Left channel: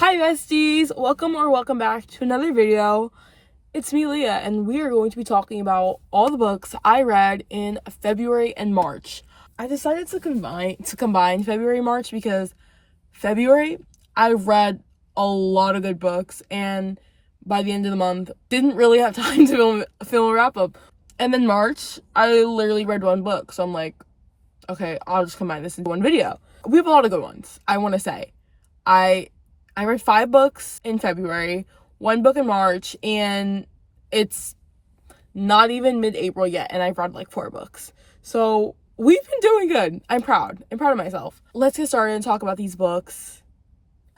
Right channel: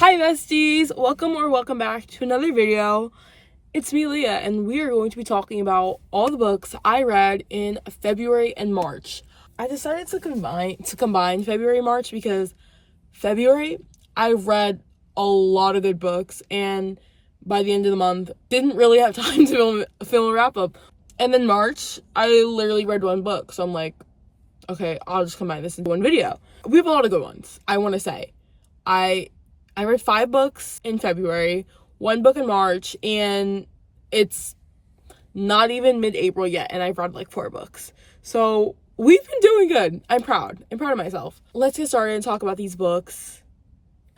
Hi besties, welcome back to another video. It's me, Leah, and we are going to be talking about all the books I read in February and March. I decided to combine February and March because February I read a lot of good books, and by the end of the month didn't really have time to film a wrap up. And then March I literally read one book, so I'm like, okay, I'll just combine this into one video. We have a lot of good ones. I want to say I read 5 books in February, 1 book in March, and it's not even mid-April yet, and I've read like 4 books. So we've been doing good. I'm proud of myself. Let's get started and talk about these books.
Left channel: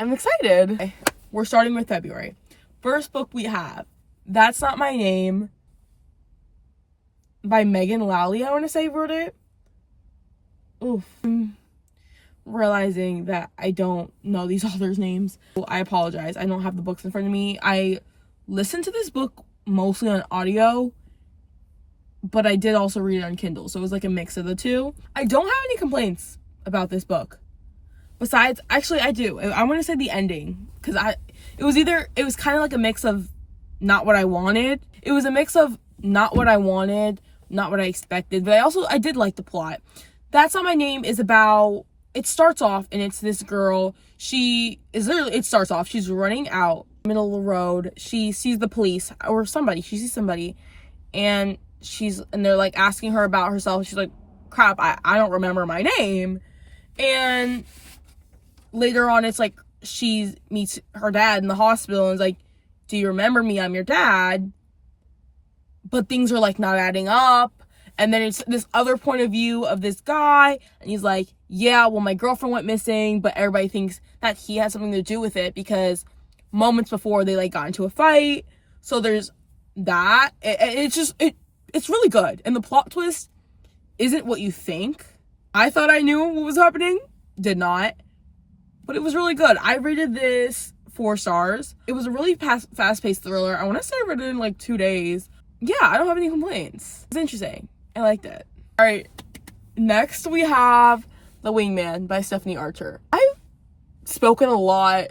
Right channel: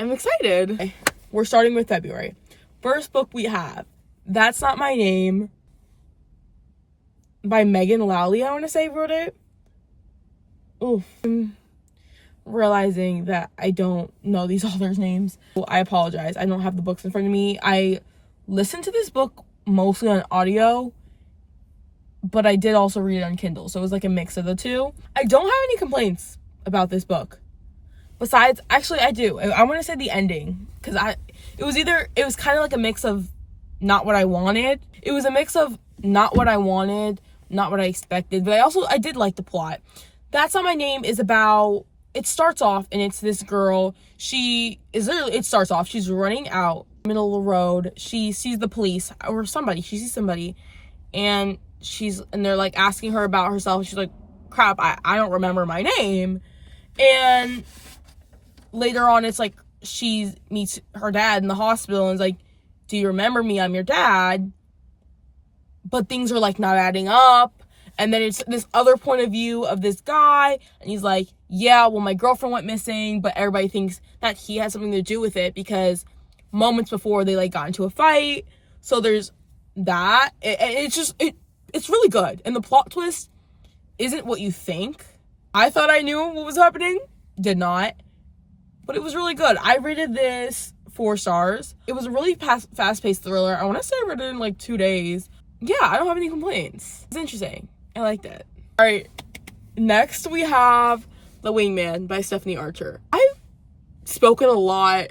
I'm excited. Okay, we're starting with February. First book we have, That's Not My Name, by Megan Lowley, I want to say, wrote it. Oof. Realizing that I don't know these authors' names. I apologize. I don't have the books in front of me. I listened to this book mostly on audio, but I did also read it on Kindle, so it was like a mix of the two. I don't have any complaints about this book. Besides, actually I do. I want to say the ending, because it was kind of like a mix of not what I wanted. It was a mix of not what I wanted, not what I expected, but I did like the plot. That's Not My Name is about, it starts off and it's this girl. She's running out middle of the road. She sees the police or somebody. She sees somebody and they're like asking her about herself. She's like, crap, I don't remember my name. And later on, it's like she meets her dad in the hospital and is like, do you remember me? I'm your dad. But things are like not adding up. And then it's this other point of view of this guy. And he's like, yeah, well, my girlfriend went missing, but everybody thinks that he has something to do with it because moments before they like got into a fight. So there's that. It's really good. And the plot twist isn't what you think. I thought I knew what was happening. Did not. But it was really good. I rated this 4 stars. It was a really fast-paced thriller. I want to say I read it in like 2 days. Yeah, I don't have any complaints. It's interesting. I liked it. All right, next we have The Wingman by Stephanie Archer. I've spoken a lot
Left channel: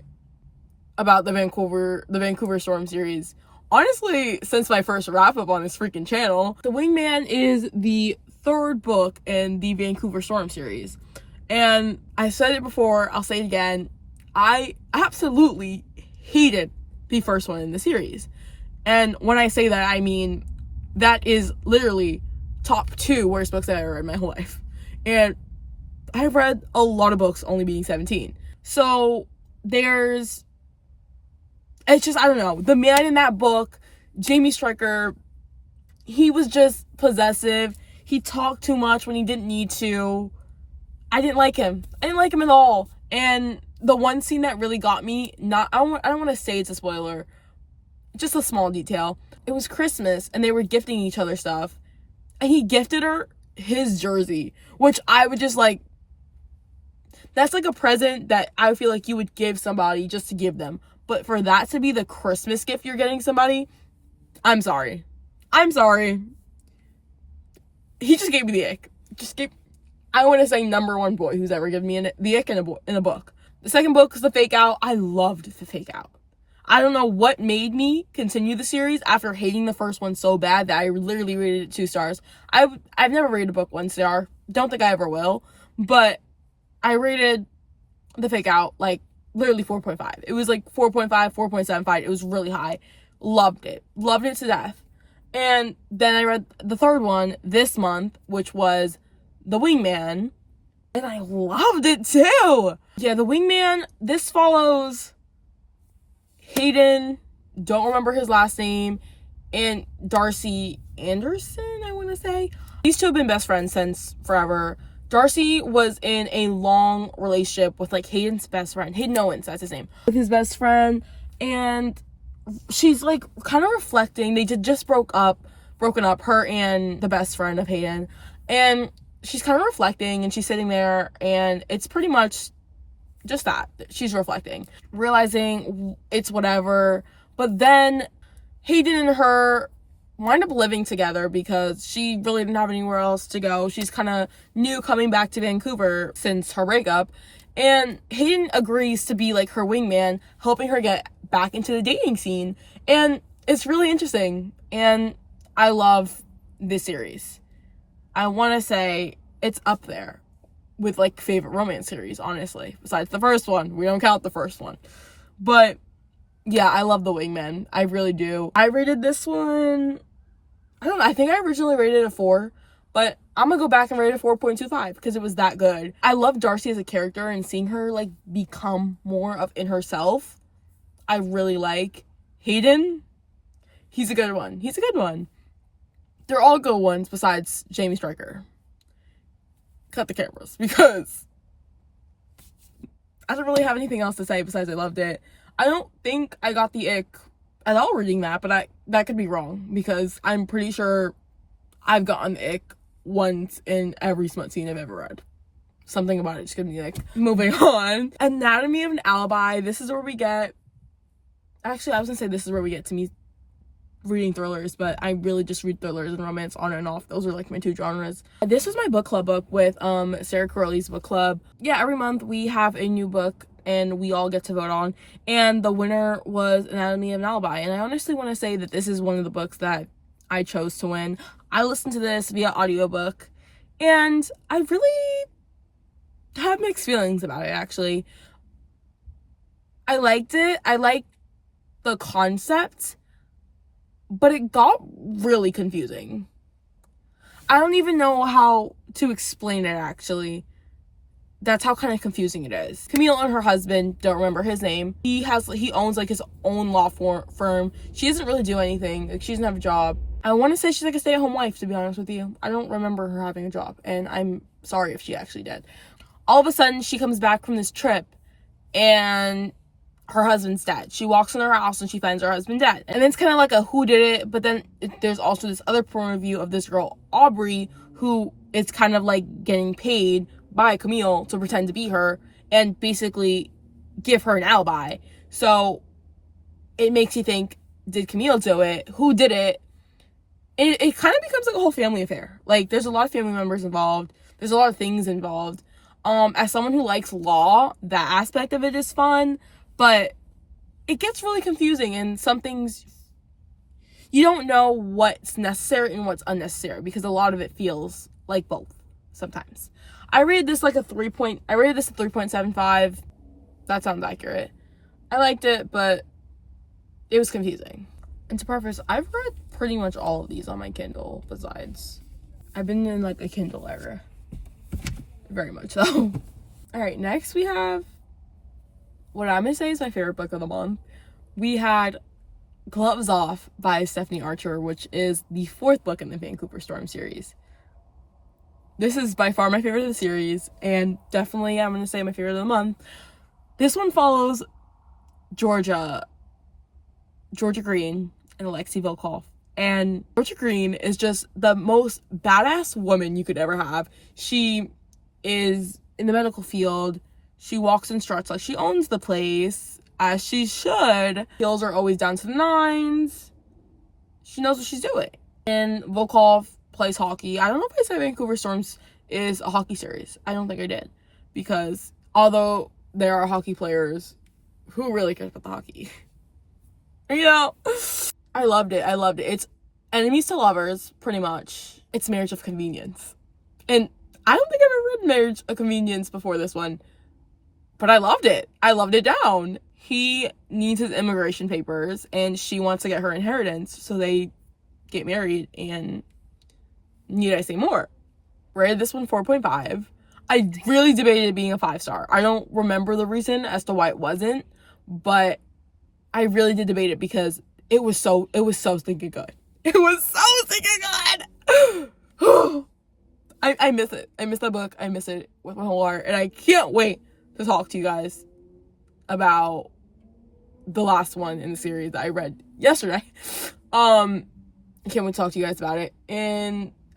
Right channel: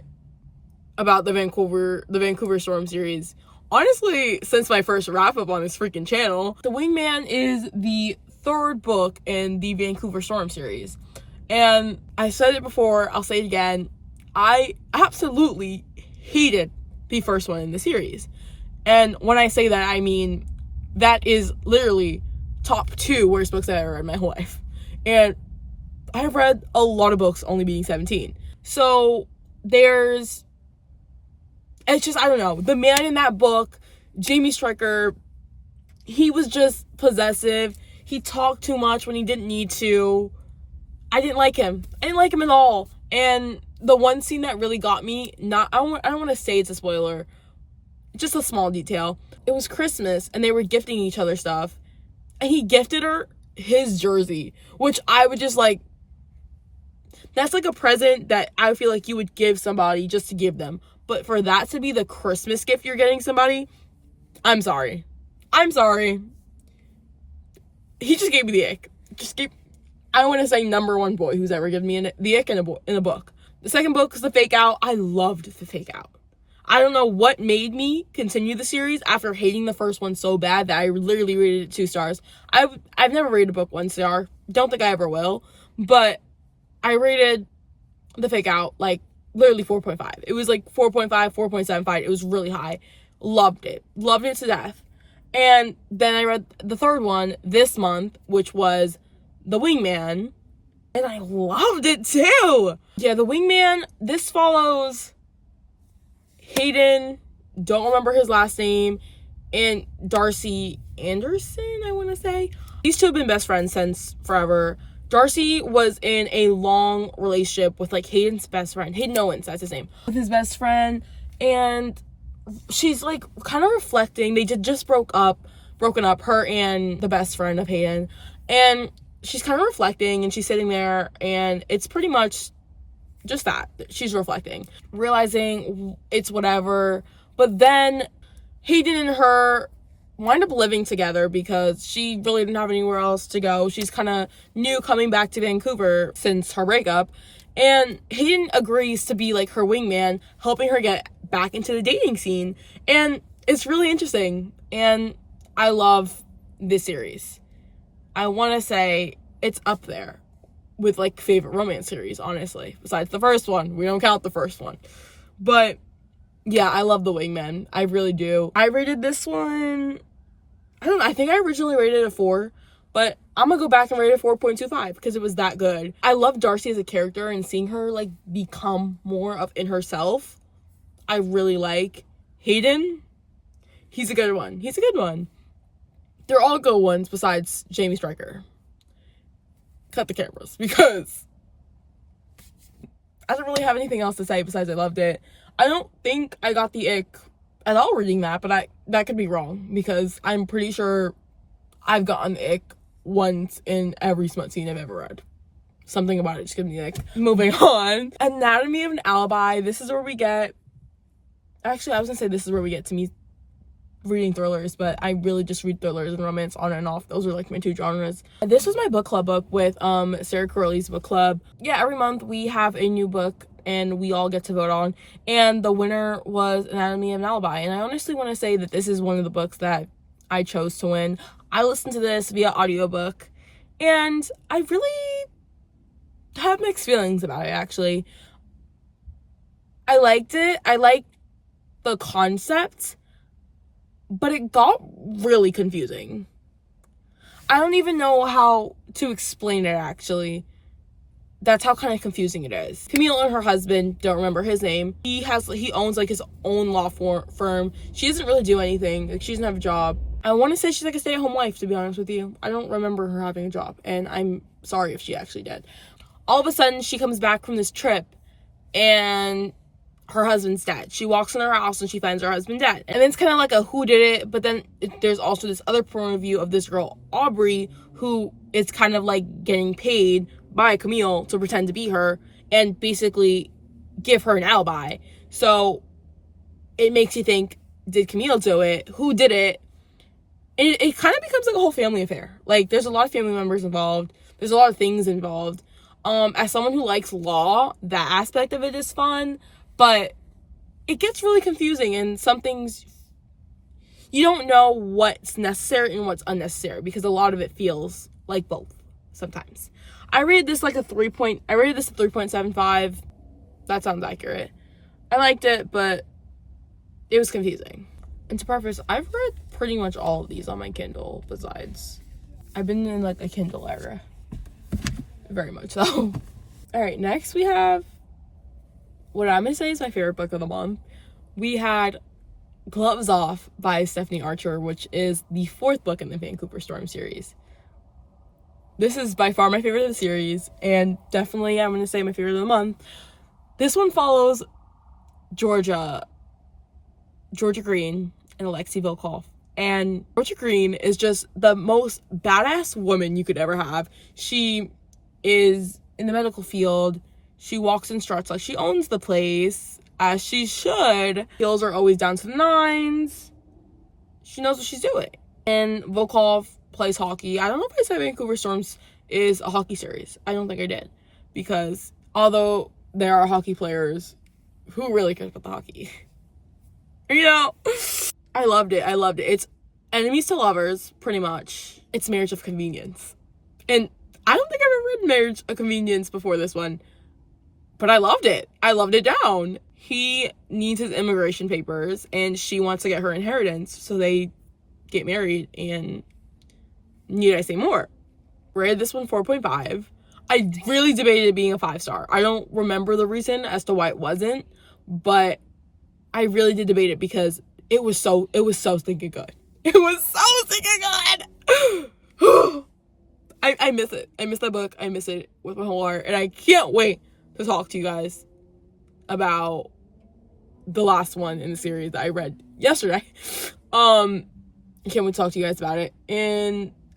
about the Vancouver Storm series, honestly, since my first wrap up on this freaking channel. The Wingman is the 3rd book in the Vancouver Storm series. And I said it before, I'll say it again. I absolutely hated the first one in the series. And when I say that, I mean that is literally top 2 worst books I've ever read in my whole life. And I've read a lot of books only being 17. So it's just, I don't know. The man in that book, Jamie Stricker, he was just possessive. He talked too much when he didn't need to. I didn't like him. I didn't like him at all. And the one scene that really got me, I don't want to say it's a spoiler, just a small detail. It was Christmas and they were gifting each other stuff. And he gifted her his jersey, which I would just like, that's like a present that I feel like you would give somebody just to give them. But for that to be the Christmas gift you're getting somebody, I'm sorry. He just gave me the ick. I want to say number 1 boy who's ever given me the ick in a book. The second book is The Fake Out. I loved The Fake Out. I don't know what made me continue the series after hating the first one so bad that I literally rated it 2 stars. I've never rated a book 1 star. Don't think I ever will. But I rated The Fake Out like literally 4.5. It was like 4.5, 4.75. It was really high. Loved it. Loved it to death. And then I read the 3rd one this month, which was The Wingman. And I loved it too. Yeah, The Wingman, this follows Hayden, don't remember his last name, and Darcy Anderson, I want to say. These 2 have been best friends since forever. Darcy was in a long relationship with like Hayden's best friend. Hayden Owens, that's his name. With his best friend, and she's like kind of reflecting. They just broken up, her and the best friend of Hayden. And she's kind of reflecting and she's sitting there and it's pretty much just that. She's reflecting, realizing it's whatever. But then Hayden and her wind up living together because she really didn't have anywhere else to go. She's kind of new coming back to Vancouver since her breakup. And Hayden agrees to be like her wingman, helping her get back into the dating scene. And it's really interesting. And I love this series. I want to say it's up there with like favorite romance series, honestly. Besides the first one. We don't count the first one. But yeah, I love The Wingman. I really do. I rated this one, I think I originally rated it a 4, but I'm gonna go back and rate it a 4.25 because it was that good. I love Darcy as a character and seeing her like become more of in herself. I really like Hayden. He's a good one. They're all good ones besides Jamie Stryker. Cut the cameras because I don't really have anything else to say besides I loved it. I don't think I got the ick at all reading that, but that could be wrong because I'm pretty sure I've gotten the ick once in every smut scene I've ever read. Something about it just gave me the ick. Moving on. Anatomy of an Alibi. This is where we get... Actually, I was gonna say this is where we get to me reading thrillers, but I really just read thrillers and romance on and off. Those are like my two genres. This was my book club book with Sarah Corelli's book club. Yeah, every month we have a new book and we all get to vote on, and the winner was Anatomy of an Alibi. And I honestly want to say that this is one of the books that I chose to win. I listened to this via audiobook and I really have mixed feelings about it. Actually, I liked it. I liked the concept, but it got really confusing. I don't even know how to explain it, actually. That's how kind of confusing it is. Camille and her husband, don't remember his name. He owns like his own law firm. She doesn't really do anything. Like, she doesn't have a job. I want to say she's like a stay-at-home wife, to be honest with you. I don't remember her having a job, and I'm sorry if she actually did. All of a sudden, she comes back from this trip, and her husband's dead. She walks in her house and she finds her husband dead. And then it's kind of like a who did it, but then there's also this other point of view of this girl, Aubrey, who is kind of like getting paid by Camille to pretend to be her and basically give her an alibi. So it makes you think, did Camille do it? Who did it? And it kind of becomes like a whole family affair. Like, there's a lot of family members involved. There's a lot of things involved. As someone who likes law, that aspect of it is fun. But it gets really confusing, and some things you don't know what's necessary and what's unnecessary because a lot of it feels like both sometimes. I rated this like a 3.75. That sounds accurate. I liked it, but it was confusing. And to preface, I've read pretty much all of these on my Kindle besides. I've been in like a Kindle era. Very much so. Alright, next we have what I'm going to say is my favorite book of the month. We had Gloves Off by Stephanie Archer, which is the 4th book in the Vancouver Storm series. This is by far my favorite of the series, and definitely I'm going to say my favorite of the month. This one follows Georgia Green and Alexei Volkov. And Georgia Green is just the most badass woman you could ever have. She is in the medical field. She walks and struts like she owns the place, as she should. Skills are always down to the 9s. She knows what she's doing. And Volkov plays hockey. I don't know if I said Vancouver Storms is a hockey series. I don't think I did. Because although there are hockey players, who really cares about the hockey? You know? I loved it. It's enemies to lovers, pretty much. It's Marriage of Convenience. And I don't think I've ever read Marriage of Convenience before this one. But I loved it. I loved it down. He needs his immigration papers, and she wants to get her inheritance, so they get married, and need I say more? Rated this one 4.5. I really debated it being a 5-star. I don't remember the reason as to why it wasn't, but I really did debate it because it was so stinking good. It was so stinking good! I miss it. I miss that book. I miss it with my whole heart, and I can't wait to talk to you guys about the last one in the series that I read yesterday. I can't wait to talk to you guys about it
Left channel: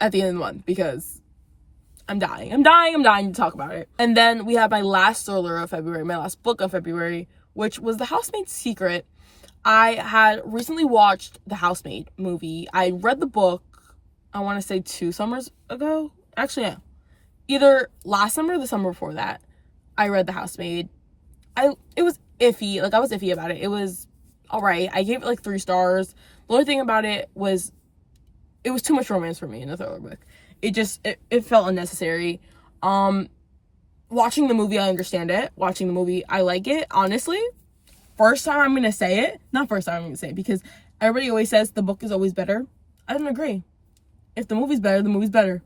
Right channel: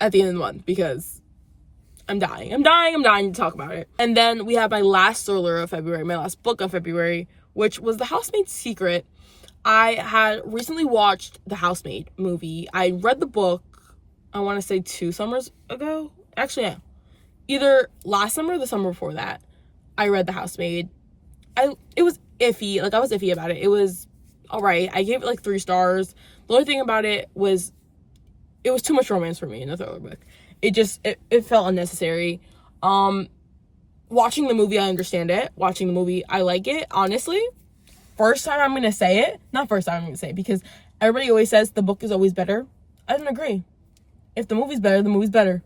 at the end of the month because I'm dying to talk about it. And then we have my last thriller of February, my last book of February, which was The Housemaid's Secret. I had recently watched the Housemaid movie. I read the book, I want to say 2 summers ago. Actually, yeah. Either last summer or the summer before that. I read The Housemaid. It was iffy. Like, I was iffy about it. It was alright. I gave it like 3 stars. The only thing about it was too much romance for me in the thriller book. It felt unnecessary. Watching the movie, I understand it. Watching the movie, I like it. Honestly, first time I'm gonna say it. Not first time I'm gonna say it, because everybody always says the book is always better. I don't agree. If the movie's better, the movie's better.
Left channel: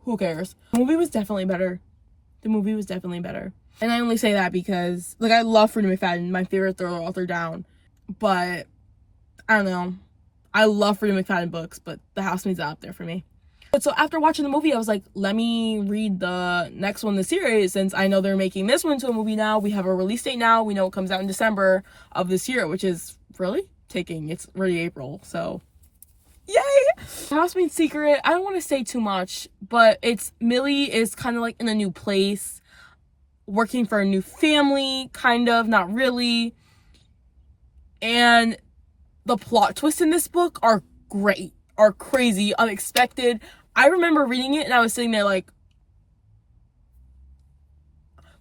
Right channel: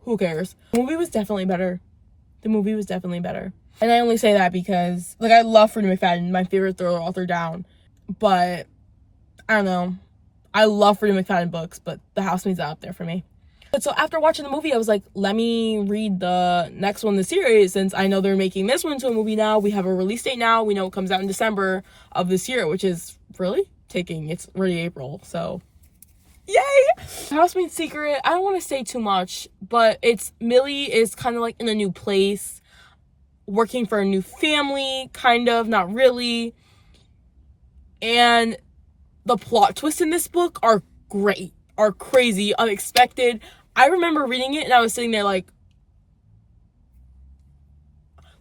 Who cares? The movie was definitely better. The movie was definitely better. And I only say that because, like, I love Freida McFadden, my favorite thriller author down. But, I don't know. I love Freida McFadden books, but The Housemaid's not up there for me. But so after watching the movie, I was like, let me read the next one in the series, since I know they're making this one into a movie now. We have a release date now. We know it comes out in December of this year, which is really it's already April, so yay! Housemaid's Secret, I don't want to say too much, but Millie is kind of like in a new place, working for a new family, kind of, not really. And the plot twists in this book are great, are crazy, unexpected. I remember reading it and I was sitting there like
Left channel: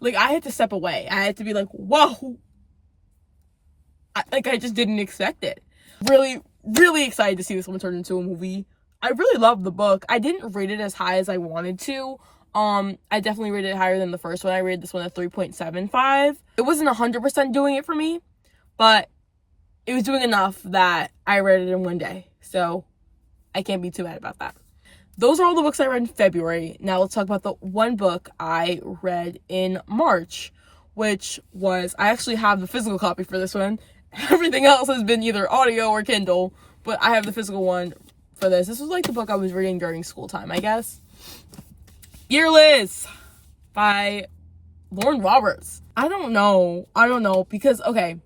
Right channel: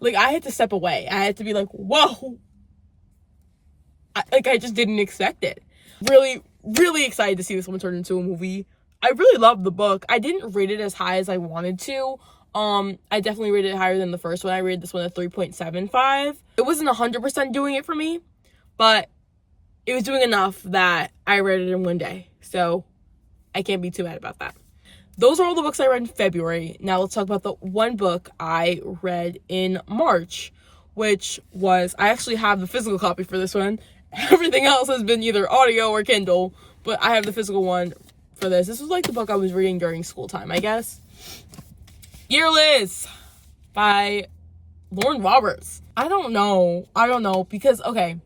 I had to step away. I had to be like, whoa. I just didn't expect it. Really, really excited to see this one turn into a movie. I really loved the book. I didn't rate it as high as I wanted to. I definitely rated it higher than the first one. I rated this one at 3.75. It wasn't 100% doing it for me, but it was doing enough that I read it in one day. So I can't be too mad about that. Those are all the books I read in February. Now let's talk about the one book I read in March, which was, I actually have the physical copy for this one. Everything else has been either audio or Kindle, but I have the physical one for this. This was like the book I was reading during school time, I guess. Yearless by Lauren Roberts. I don't know, because, okay,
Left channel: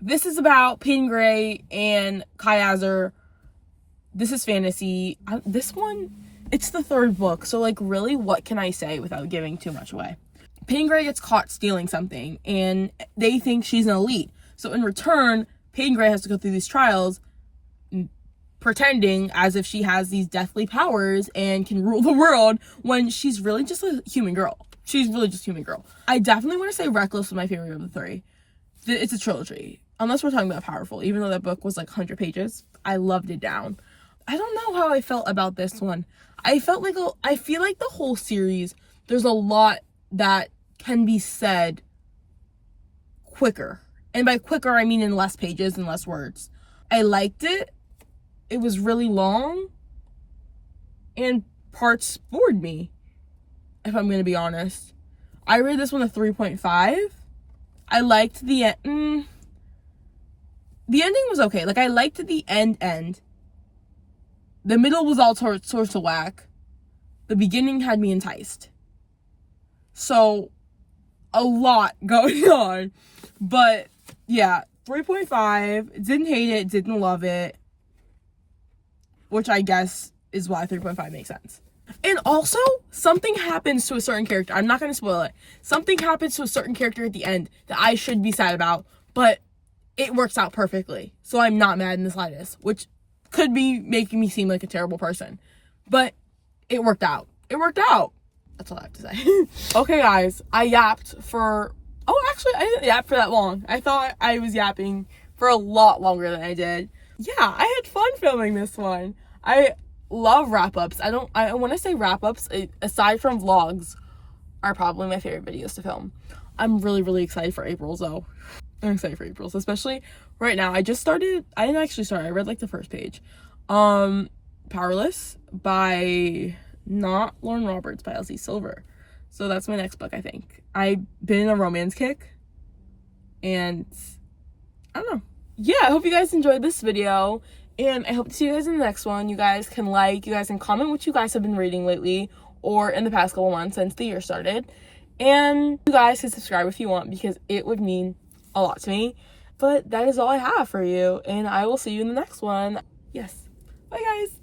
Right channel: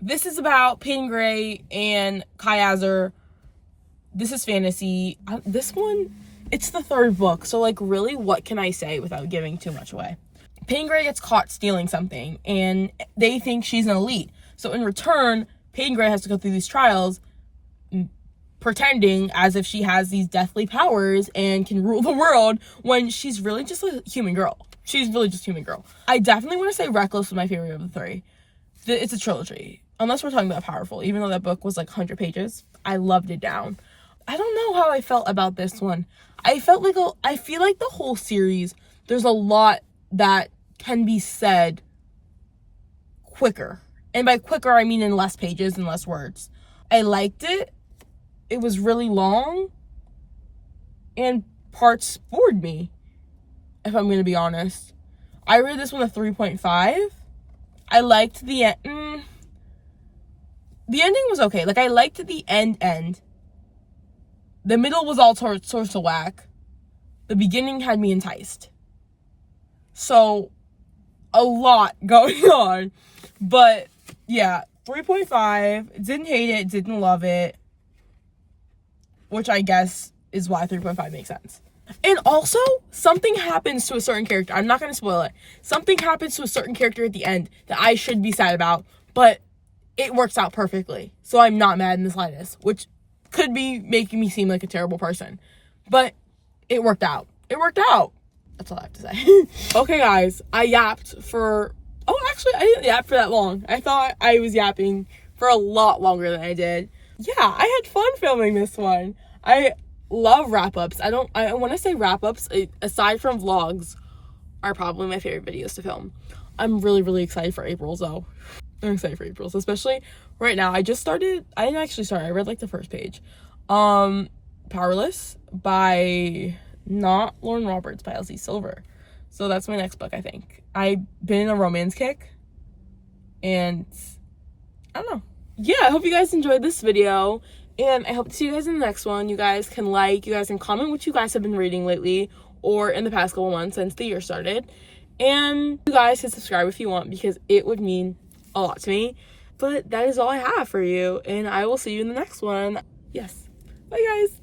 this is about Peyton Gray and Kai Azar. This is fantasy. This one, it's the 3rd book, so, like, really, what can I say without giving too much away? Peyton Gray gets caught stealing something, and they think she's an elite. So in return, Peyton Gray has to go through these trials, pretending as if she has these deathly powers and can rule the world, when she's really just a human girl. She's really just a human girl. I definitely want to say Reckless was my favorite of the 3. It's a trilogy, unless we're talking about Powerful. Even though that book was like 100 pages, I loved it down. I don't know how I felt about this one. I feel like the whole series, there's a lot that can be said quicker. And by quicker, I mean in less pages and less words. I liked it. It was really long. And parts bored me, if I'm going to be honest. I rated this one a 3.5. I liked the end. The ending was okay. Like, I liked the end. The middle was all sorts of whack. The beginning had me enticed. So, a lot going on. But, yeah, 3.5. Didn't hate it, didn't love it. Which I guess is why 3.5 makes sense. And also, something happens to a certain character. I'm not going to spoil it. Something happens to a certain character at the end that I should be sad about, but it works out perfectly. So I'm not mad in the slightest, which could be making me seem like a terrible person. But it worked out. It worked out. That's all I have to say. Okay, guys, I yapped for... Oh, actually, I didn't yap for that long. I thought I was yapping for a lot longer than I did. Yeah, I had fun filming this one. I love wrap-ups. I want to say wrap-ups, aside from vlogs, are probably my favorite videos to film. I'm really, really excited for April's, though. I'm excited for April's, especially right now. I didn't actually start. I read, like, the first page. Powerless by not Lauren Roberts, by Elsie Silver. So that's my next book, I think. I've been in a romance kick, and I don't know. Yeah, I hope you guys enjoyed this video, and I hope to see you guys in the next one. You guys can you guys can comment what you guys have been reading lately, or in the past couple months since the year started. And you guys can subscribe if you want, because it would mean a lot to me. But that is all I have for you, and I will see you in the next one. Yes. Bye, guys.